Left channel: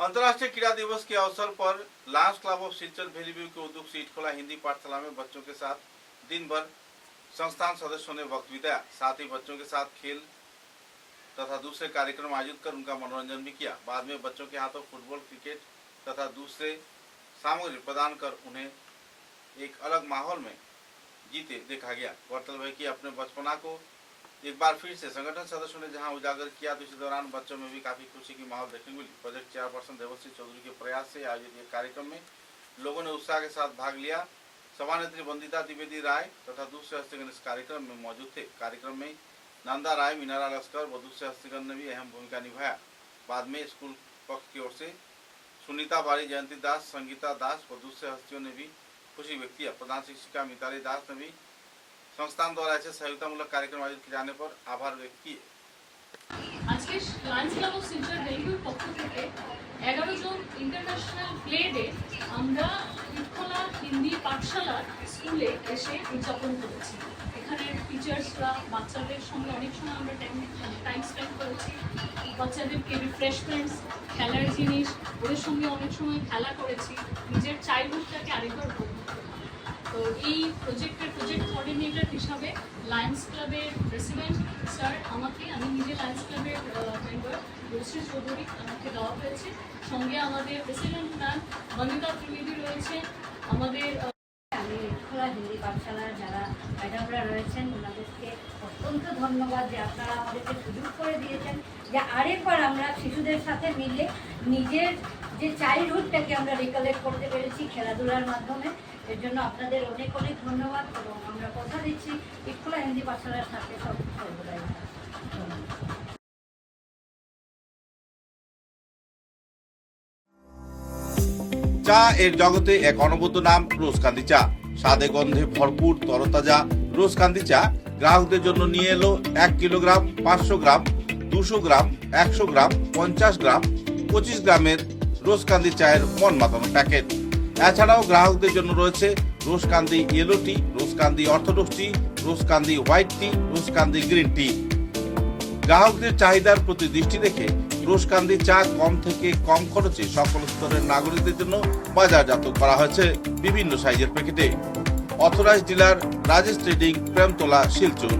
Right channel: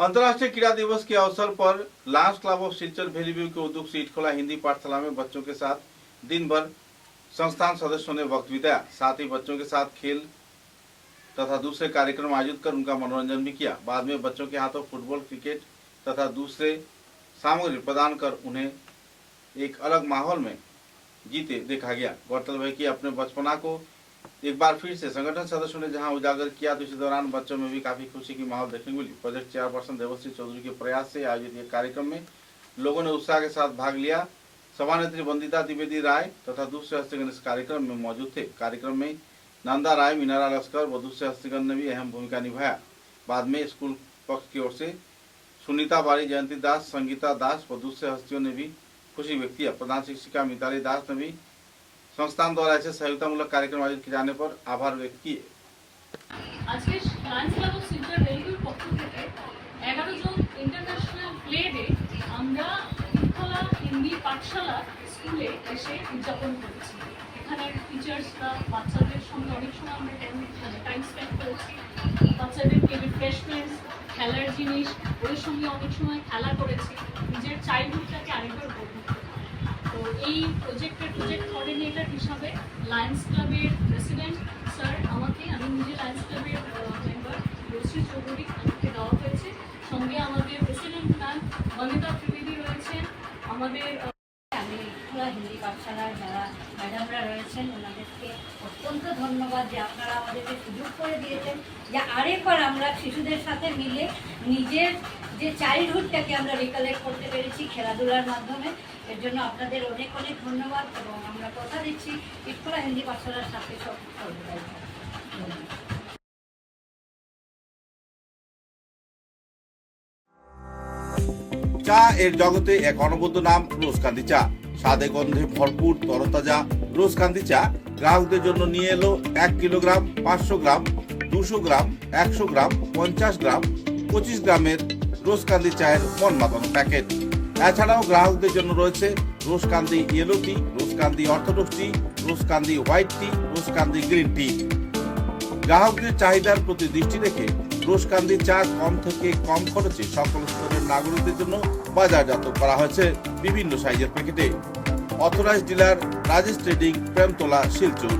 अंतर्राष्ट्रीय क्रीड़ा दिवस के अवसर पर लायंस क्लब ऑफ सिलचर भेलीव्यू के उद्योग से इटखोला हिंदी पाठशाला में बच्चों के साथ दिन भर संस्थान सदस्यों ने वक्त बिताया। साथ ही बच्चों के साथ खेल तथा दूसरे कार्यक्रम आयोजित कर उनका मनोरंजन भी किया। बाद में बच्चों के हाथों फुटबॉल, क्रिकेट तथा दूसरे सामग्री प्रदान कर उन्हें एक अलग माहौल में जीते देखा गया। गौरतलब है कि अपने बचपना को एक बार फिर से संगठन सदस्यों ने जहां उजागर किया तो इसी दौरान बच्चों में भी काफी खुशी की माहौल देखने को मिली। प्रोजेक्ट चेयरपर्सन देवश्री चौधरी के प्रयास से आयोजित एक कार्यक्रम में लोगों ने उत्साह के साथ भाग लिया। सभानेत्री वंदिता द्विवेदी राय तथा दूसरे हस्तीगण इस कार्यक्रम में मौजूद थे। कार्यक्रम में नंदा राय, मीनारा लश्कर व दूसरे हस्तीगण ने भी अहम भूमिका निभाया। बाद में स्कूल पक्ष की ओर से सुनीता बारी, जयंती दास, संगीता दास व दूसरे हस्तियों ने भी खुशी व्यक्त किया। प्रधान शिक्षिका मिताली दास ने भी संस्थान द्वारा ऐसे सहयोगितामूलक कार्यक्रम आयोजित किए जाने पर आभार व्यक्त किए। आज के लायंस क्लब ऑफ सिलचर भेलीव्যুর পক্ষ থেকে 11 জন ইন্টারন্যাশনাল প্লে ডে আমরা ইটখোলা হিন্দি পাঠশালা স্কুলে এসে উদযাপন করেছি। এখানে টিচার্সরা বাচ্চাদের সঙ্গে অনেক সময় আমরা টাইম স্পেন্ড করেছি। বাচ্চাদেরকে রিফ্রেশমেন্টস, খেলার জিনিস, ওদের সঙ্গে অনেক সময় খেলা করেছি। নিজের চাইল্ডহুডটাকে আরেকবার উপভোগ করেছি। তো এই প্রজেক্ট কোঅর্ডিনেটর হিসাবে লায়ন্স ক্লাবের প্রেসিডেন্ট স্যার আমি নিজে লায়ন্স ক্লাবের মেম্বার দেবশ্রী চৌধুরী আমাকে দেওয়া হয়েছে। সঙ্গে আমাদের প্রেসিডেন্ট ম্যাম বন্দিতা ত্রিবেদী রয়েছেন। আমাদের আমি ইটখোলা হিন্দি পাঠশালার যারা ম্যাডামরা রয়েছেন ওনাদেরকে অত্যন্ত ধন্যবাদ যে আপনারা আমাদেরকে সুযোগ করে দিয়েছেন যে আরেকবার আমরা শিশুদের সাথে মিলে নিজের যে চাইল্ডহুডটাকে আমরা রিকালেক্ট করতে পেরেছি খেলাধুলার মাধ্যমে। এর জন্য আপনাদের অনেক অনেক ধন্যবাদ এবং আমরা কথা দিচ্ছি ইটখোলা হিন্দি পাঠশালার সাথে সর্বদাই। চা এর জগতে এক অনবদ্য নাম রোজকান্দি চা। স্বাদে গন্ধে ভরপুর তরতাজা রোজকান্দি চা গ্রাহকদের জন্য নিয়ে এলো 1 কিলোগ্রাম, 500 গ্রাম, 200 গ্রাম, 100 গ্রাম, 50 গ্রাম, 25 গ্রামের রোজকান্দি চায়ের মন মাতানো প্যাকেট। এছাড়াও গ্রাহকদের জন্য রয়েছে রোজকান্দি ইয়েলো টি, রোজকান্দি অর্থোডক্স টি, রোজকান্দি হোয়াইট টি, রোজকান্দি গ্রিন টি। গ্রাহকদের চাহিদার প্রতি দৃষ্টি রেখে রোজকান্দি চা কম থেকে কম খরচে সকল স্তরের নাগরিকদের জন্য বাজারজাত করা হয়েছে বিভিন্ন সাইজের প্যাকেটে। Authorised dealer Rajesh trading, Premtala, Silchar.